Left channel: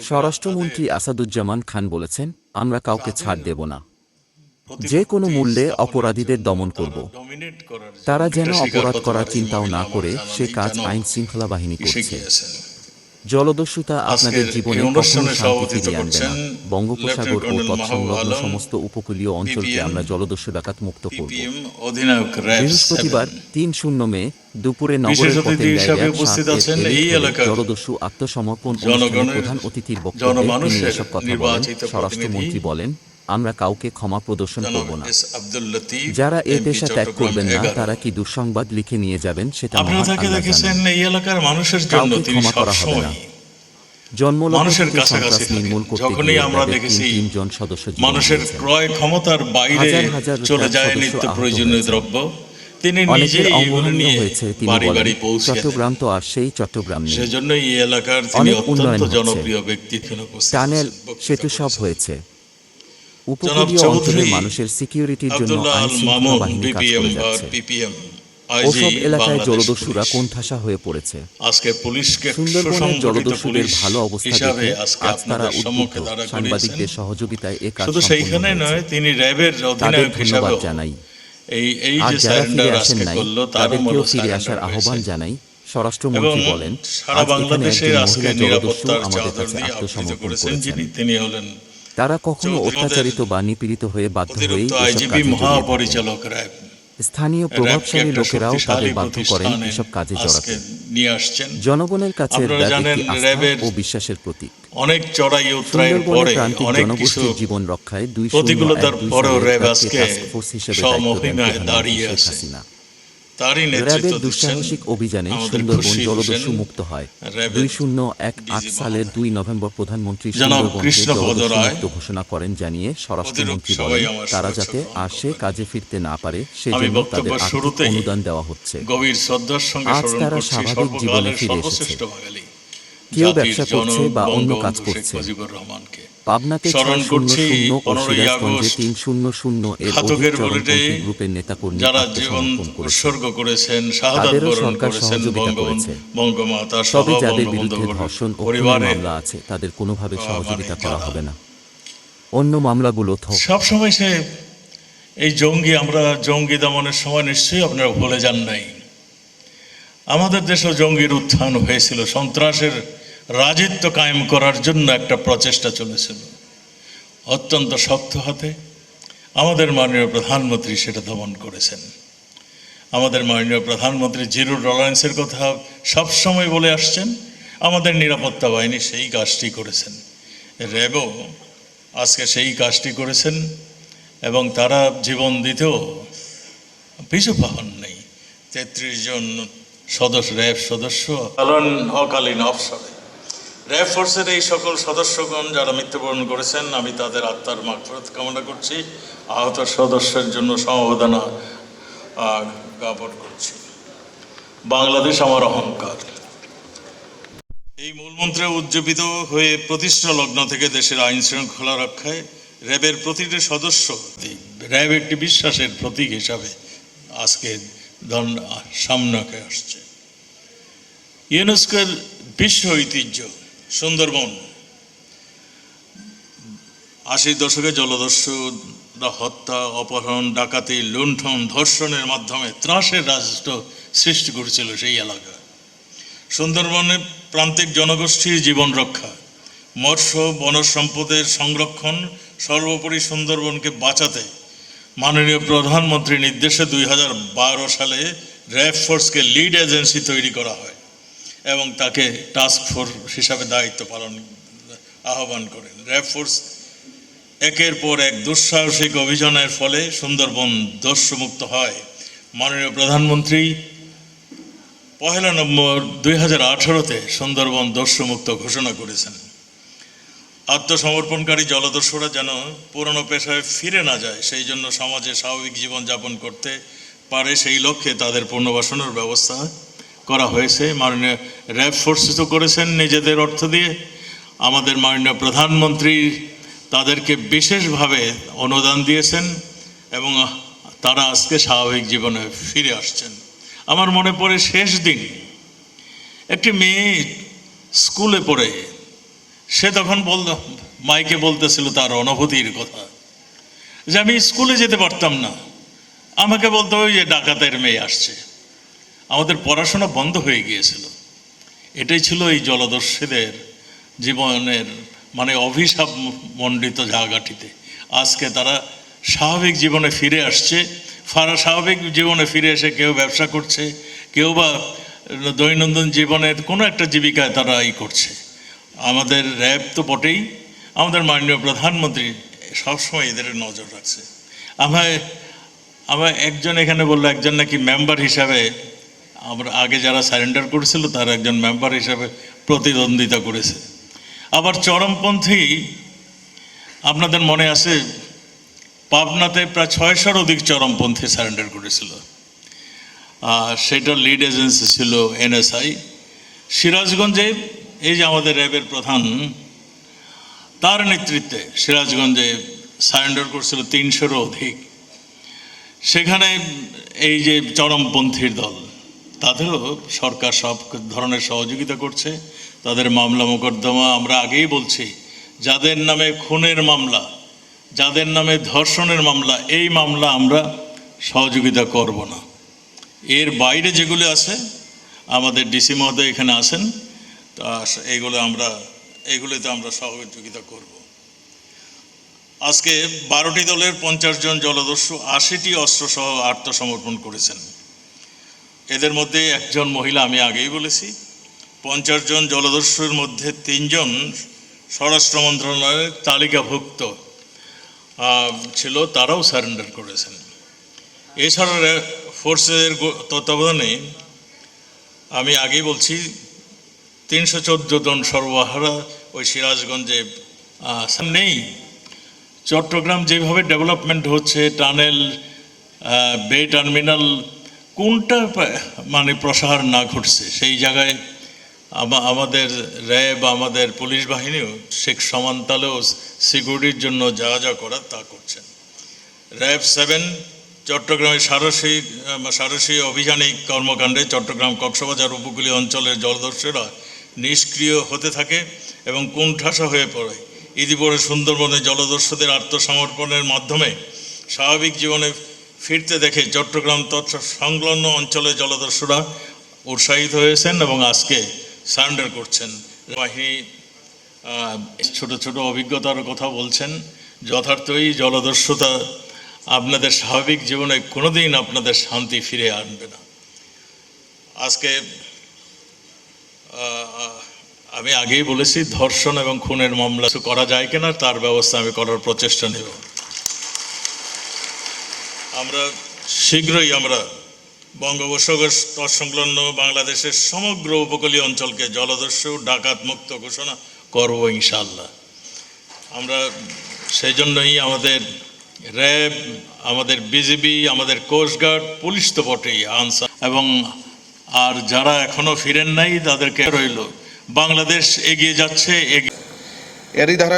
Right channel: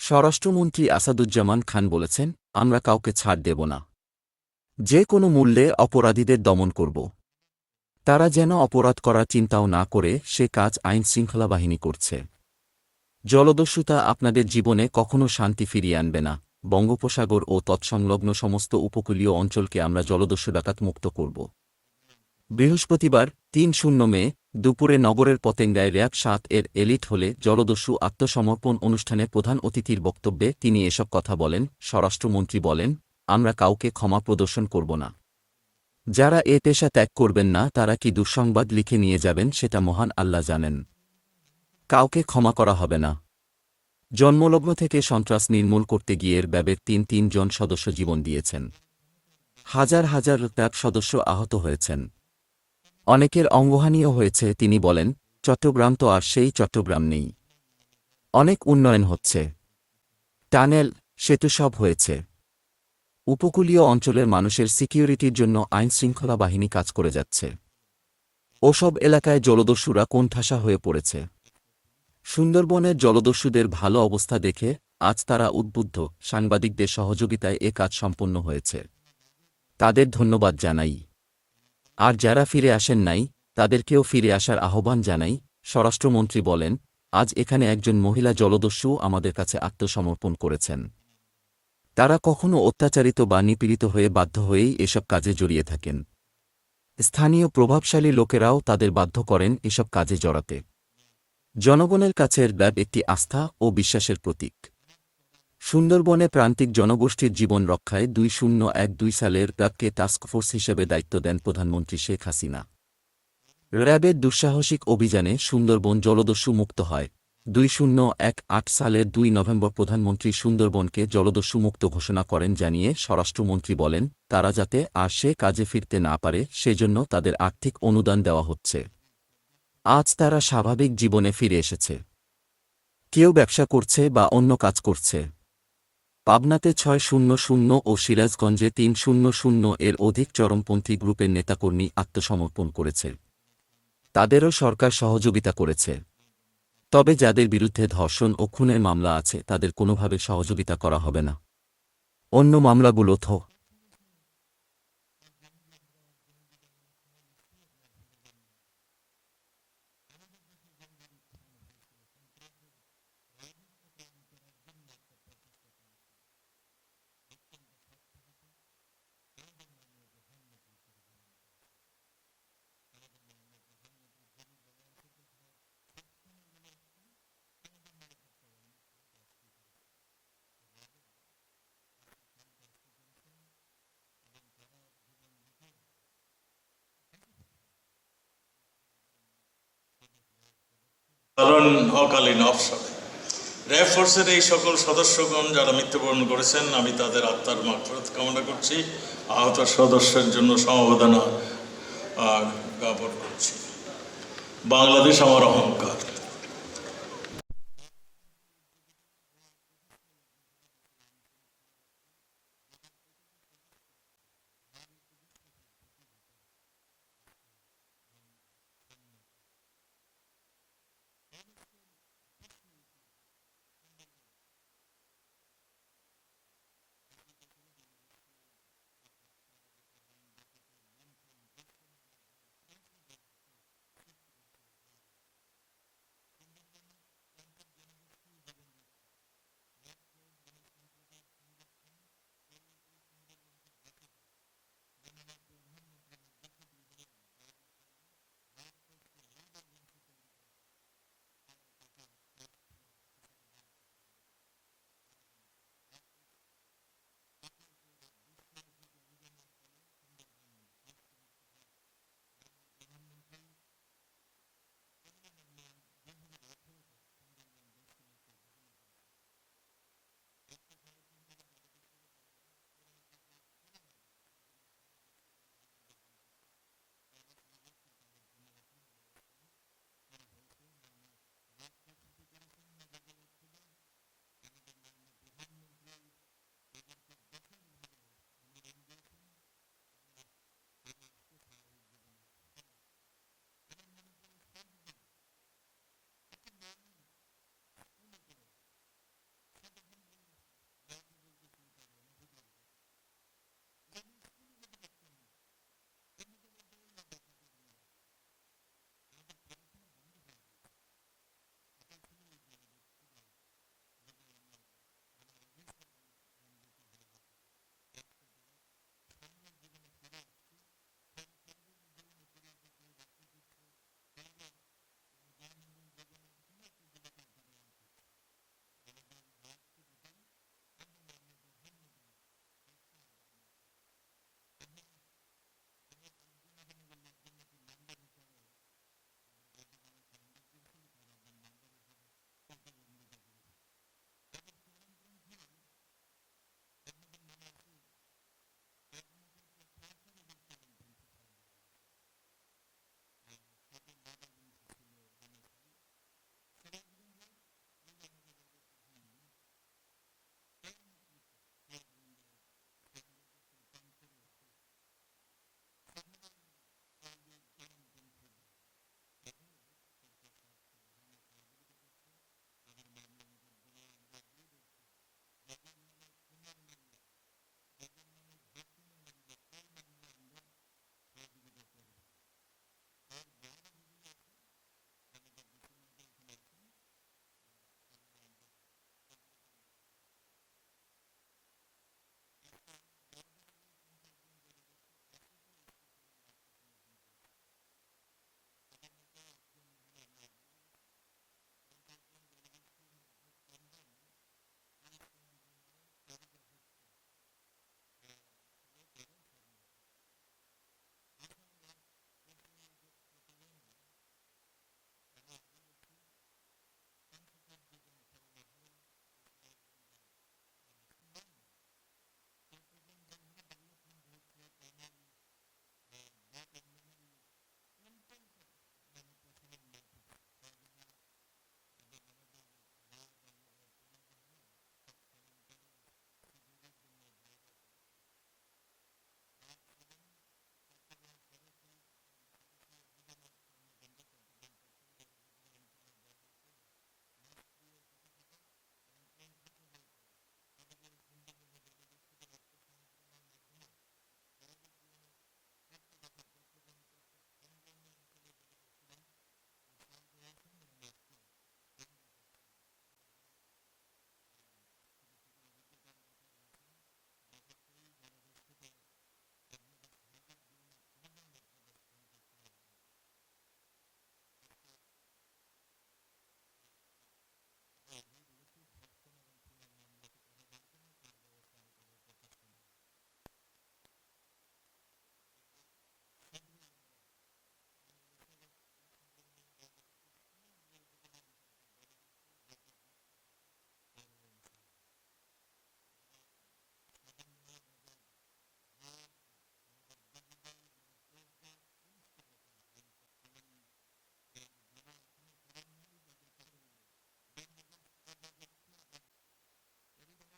স্বরাষ্ট্রমন্ত্রী আসাদুজ্জামান খান বলেছেন আমরা কাউকে ছাড় দেব না। যে কোনো মূল্যে অপরাধীদের দমন করব। তারা যেন অপরাধ করার চিন্তাও না করে সে কাজ আইন শৃঙ্খলা বাহিনী করছে। জলদস্যুতা আপনাদের জীবনে কখনো শান্তি ফিরিয়ে আনবে না। বঙ্গোপসাগর ও তৎসংলগ্ন সমস্ত উপকূলীয় অঞ্চলকে আমরা জলদস্যু ডাকাত মুক্ত করব। বৃহস্পতিবার তিন শূন্য মে দুপুরে নগরের পথে ডায়রিয়া সাত এর এলিট হলে জলদস্যু আত্মসমর্পণ অনুষ্ঠানে প্রধান অতিথির বক্তব্যে তিনি এসব কথা বলেন। স্বরাষ্ট্রমন্ত্রী বলেন আমরা কাউকে ক্ষমা প্রদর্শন করব না। যারা এ পেশা ত্যাগ করবেন না তারা কি দুঃসংবাদ লিখে নিয়ে যাবেন সেটা মহান আল্লাহ জানেন। কাউকে ক্ষমা করা হবে না। জন্মলগ্ন থেকে সন্ত্রাস নির্মূল করতে গিয়ে আমরা তিন তিনজন সদস্য জীবন দিয়েছেন। হাজার হাজার সদস্য আহত হয়েছেন। অনেকের অঙ্গহানিও হয়েছে তিনি বলেন চট্টগ্রাম তো আর সেই চট্টগ্রাম নেই। অনেক উন্নয়ন হচ্ছে। টানেল সেতু সব হয়েছে। উপকূলীয় অঞ্চলের মানুষের সিকিউরিটির জন্য আইন শৃঙ্খলা বাহিনী কাজ করে যাচ্ছে। ওসব এলাকায় জলদস্যুরা কোণঠাসা হয়ে পড়েছে। সুন্দরবনের জলদস্যুদের ভালো অবস্থা দেখে আজ তারা উদ্বুদ্ধ। সাংবাদিকদের সহযোগিতায় এ কাজ সম্পূর্ণ হয়েছে। তাদের ধন্যবাদ জানাই। আর যারা ফিরে আসেন নাই তাদেরকেও ফিরে আসার আহ্বান জানাই। স্বরাষ্ট্রমন্ত্রী বলেন আজ এখানে একজন মহিলা জলদস্যু আমাদের কাছে আত্মসমর্পণ করেছেন। তিনি হলেন তারা কখনো অত্যাচারিত বা নিপীড়িত হয়ে বাধ্য হয়েই এসব কাজে জড়িয়ে থাকেন। স্থানীয় প্রভাবশালী লোকেরাও তাদের বাধ্য করেন এসব কাজে জড়াতে। জনগণের কাছে একটি আস্থা ও বিশ্বাসের প্রতীক। অনেক সুন্দরবনের প্রান্তিক জনগোষ্ঠীর জীবন রক্ষায় দুই শূন্য এক দুই সালের র্যাব র্যাবকে টাস্ক ফোর্স হিসেবে দায়িত্ব দেন প্রধানমন্ত্রী শেখ হাসিনা। র্যাবের দুঃসাহসিক অভিযানে সুন্দরবন জলদস্যু মুক্ত হয়। দুই শূন্য এক আট সালের দুই নভেম্বর প্রধানমন্ত্রী সুন্দরবনকে জলদস্যু মুক্ত ঘোষণা করেন জানিয়ে স্বরাষ্ট্রমন্ত্রী বলেন তারা যাতে আর সে কাজে ফিরতে না পারে সেজন্য তাদের আর্থিক অনুদান দেওয়া হচ্ছে। আজ তারা স্বাভাবিক জীবনে ফিরে এসেছে। কেউ ব্যবসা করছে বা অন্য কাজ করছে। পাবনাতে ছয় শূন্য শূন্য ও সিরাজগঞ্জে তিন শূন্য শূন্য এর অধিক চরমপন্থী গ্রুপের নেতাকর্মী আত্মসমর্পণ করেছে। তাদেরও সরকার সহযোগিতা করেছে। তবে যাদের বিরুদ্ধে ধর্ষণ ও খুনের মামলা আছে তাদের কোনোভাবে সহযোগিতা করা হবে না। অন্য মামলাগুলো সবসময় সে এই জঙ্গি আমরা জঙ্গি দমনের সময় নিশ্চয়ই আপনারা ভুলে যান নাই। আমাদের দেশেও জঙ্গির উত্থান হয়েছিল সন্ত্রাসের রাজিত্ব কায়েম করার জন্য একটা প্রচেষ্টা চলেছিল অত্যন্ত শক্ত হাতে আমাদের মাননীয় প্রধানমন্ত্রী সেটা দমন করেছেন। আমাদের মাননীয় প্রধানমন্ত্রী জিরো টলারেন্সের কথা সবসময় বলে আসছেন, আমাদের নিরাপত্তা বাহিনী সেই কাজটি করেছেন। র্যাবও আজকে সেই কাজটি করেছেন এবং তারা জীবন দিতেও পিছু পাহন নেই। তেত্রিশ জন সদস্য, র্যাব সদস্য অকালীন অবসরে। র্যাব ফোর্সের এই সকল সদস্যগণ যারা মৃত্যুবরণ করেছেন, আমি তাদের আত্মার মাগফিরাত কামনা করছি। আহত সদস্যের জন্য সমবেদনা জ্ঞাপন করছি। বাংলাদেশ আমার অহংকার। এই মূলমন্ত্রে উজ্জীবিত হয়ে প্রতিষ্ঠা লগ্ন থেকে দেশের আইন শৃঙ্খলা রক্ষায় র্যাবের প্রতিটি সদস্য, র্যাব একটি বিশ্বাসের প্রতীক হিসাবে আজকে সামনে আসছে। ইউনেস্কোর বিশ্ব ঐতিহ্য সুন্দরবন। আশির দশকে জলদস্যুরা হত্যা, অপহরণ, ডাকাতি, লুণ্ঠন, ধর্ষণের মাধ্যমে ত্রাসের রাষ্ট্র সৃষ্টি করেছিল সেই এলাকা। সুন্দরবনে প্রান্তিক জনগোষ্ঠীর জীবন রক্ষা, মৎস্য, বনজ সম্পদের সংরক্ষণ, সর্বোপরি সুন্দরবনকে বাঁচাতে মাননীয় প্রধানমন্ত্রীর নির্দেশে দুই হাজার বারো সালে র্যাব ফোর্সকে লিড এজেন্সি তৈরি করা হয়। এবং তাকে টাস্ক ফোর্স হিসাবে দায়িত্ব পালন, আহ্বান করেন। র্যাব ফোর্স একের পর এক দুঃসাহসিক অভিযানের ফলে সুন্দরবন দস্যুমুক্ত হয়। মাননীয় প্রধানমন্ত্রী, পহেলা নম্বর দুই হাজার আঠারোতে সুন্দরবন দস্যুমুক্ত ঘোষণা করেছেন। আত্মসমর্পণকারী জলদস্যুরা যেন পুরনো পেশায় ফিরে না যায়, সেই জন্য সমাজে স্বাভাবিক জীবনযাপন করতে পারে, সেই লক্ষ্যে তাদের পুনর্বাসনের ব্যবস্থা করা হয়েছে। মাননীয় র্যাব ফোর্স তো করেছেন নিজেদের অর্থ দিয়ে। আমাদের মাননীয় প্রধানমন্ত্রী তাদেরকে বিশেষভাবে অনুদান দিয়েছেন এবং তারা আজকে স্বাভাবিক জীবনে ফিরে আসছেন। আমার মনে পড়ে শেষ দিন। একটি মেয়ে স্কুলে পড়ে, সে তখন বল মাইকে বলতেছিল তার অনুভূতির কথা যে আমি স্কুলে যেতে পারতাম না। আমাকে বলতো, ওই যে ডাকাতের মেয়ে আসছে। আমাদের পড়াশোনা বন্ধ হয়ে গিয়েছিল। এটাই ছিল এই জলদস্যুদের জীবনের মানে অভিশাপ মণ্ডিত জায়গাটিতে। আজকে তারা স্বাভাবিক জীবনে ফিরে আসছে। ফারা স্বাভাবিক জীবনে ফিরে এসে কেউ ব্যবসা করছে, কেউ বা দৈনন্দিন জীবনের কোনো একটা জীবিকায় তারা ই করছে। আমাদের র্যাব তো বটেই, আমাদের মাননীয় প্রধানমন্ত্রী সবসময় এদের নজর রাখছে। আমায় আমার একজন এখানে বলল, একজন নাকি মেম্বার হিসাবে আমরা আগে যারা সারেন্ডার করেছিল তার একজন মেম্বার হিসাবে প্রতিদ্বন্দ্বিতা করেছে। আবার চরমপন্থী, আপনাদের মনে আছে, পাবনাতে প্রায় ছয়শোর অধিক চরমপন্থী সারেন্ডার করেছিল। সেটার লিড এজেন্সি ছিল এনএসআই সিরাজগঞ্জে, এই যে আমাদের র্যাবের প্রধান, তার নেতৃত্বে সিরাজগঞ্জে সারেন্ডার করছিল তিনশোরও অধিক। সেখানে এই যে চরমপন্থীর দল তাদেরও সরকার সব ধরনের সহযোগিতা করছে, তাদের মামলা মোকদ্দমা আমরা আগেই বলছি, যাদের নামে খুনের মামলা, যাদের নামে ধর্ষণের মামলা, এই মামলা আমরা সহযোগিতা করব না। এর বাইরে যেগুলো আছে, আমাদের ডিসি মহোদয় এখানে আছেন, তা এইগুলো আমরা এইগুলোতে আমরা সহযোগিতা করব। আজকে বারোটি দলের পঞ্চাশ জন জলদস্যু, আশিটি অস্ত্রসহ আত্মসমর্পণ করেছেন। এদের মধ্যে একজন মহিলা আমি আগেই বলেছি। পঞ্চাশ জন জলদস্যুর মধ্যে তিনজন স্বরাষ্ট্র মন্ত্রণালয়ের তালিকাভুক্ত ছিল, তারাও সারেন্ডার করেছেন। এছাড়া ফোর্সের তত্ত্বাবধানে আমি আগেই বলছি, তিনশো চোদ্দ জন সর্বহারা ওই সিরাজগঞ্জে নেই। চট্টগ্রাম যেভাবে ডেভেলপমেন্ট হচ্ছে, টানেল বে টার্মিনাল কোনটা মানে প্রসার না ঘটছে? সেই জায়গায় আমা- আমাদের র্যাব, আমাদের পুলিশ বাহিনীও শেখ সমান্তালেও সিকিউরিটির জন্য যা যা করার তা করছেন। র্যাব সেভেন চট্টগ্রামের সারসী সারসী অভিযানিক কর্মকাণ্ডে চট্টগ্রাম কক্সবাজার উপকূলীয় অঞ্চলের জলদস্যুরা নিষ্ক্রিয় হতে থাকে এবং কুণ্ঠাসা হয়ে পড়ে। ইতিপরে সুন্দরবনে জলদস্যুদের আত্মসমর্পণের মাধ্যমে স্বাভাবিক জীবনে ফিরতে দেখে চট্টগ্রাম তথা সংলগ্ন অঞ্চলে জলদস্যুরা উৎসাহিত হয়েছেন এবং আজকে সারেন্ডার করছেন। বাহিনী ছোট ছোট অভিজ্ঞতার কথা বলছেন, যথার্থই জলদস্যুতা আপনাদের স্বাভাবিক জীবনে কোনোদিন আপনাদের শান্তি ফিরে আনবে না। আজকে আমি আগেই বলেছি, ধর্ষণ এবং খুনের মামলা করা যায় কিনা, তার ব্যবস্থা আমি করার প্রচেষ্টা নেব। আমরা শীঘ্রই আমরা বঙ্গোপসাগর তৎসংলগ্ন বাংলাদেশের সমগ্র উপকূলীয় অঞ্চলকে জলদস্যু ডাকাত মুক্ত ঘোষণা করব ইনশাল্লাহ আমরা সেই জন্যই আমাদের র্যাব, আমাদের বিজিবি আমাদের কোস্টগার্ড পুলিশ তো বটেই, আনসার। এবং আর যারা এখনও ফিরেন নাই, তাদেরকে রইল। বাংলাদেশ এগিয়ে যাচ্ছে, এগিয়ে এরই ধারা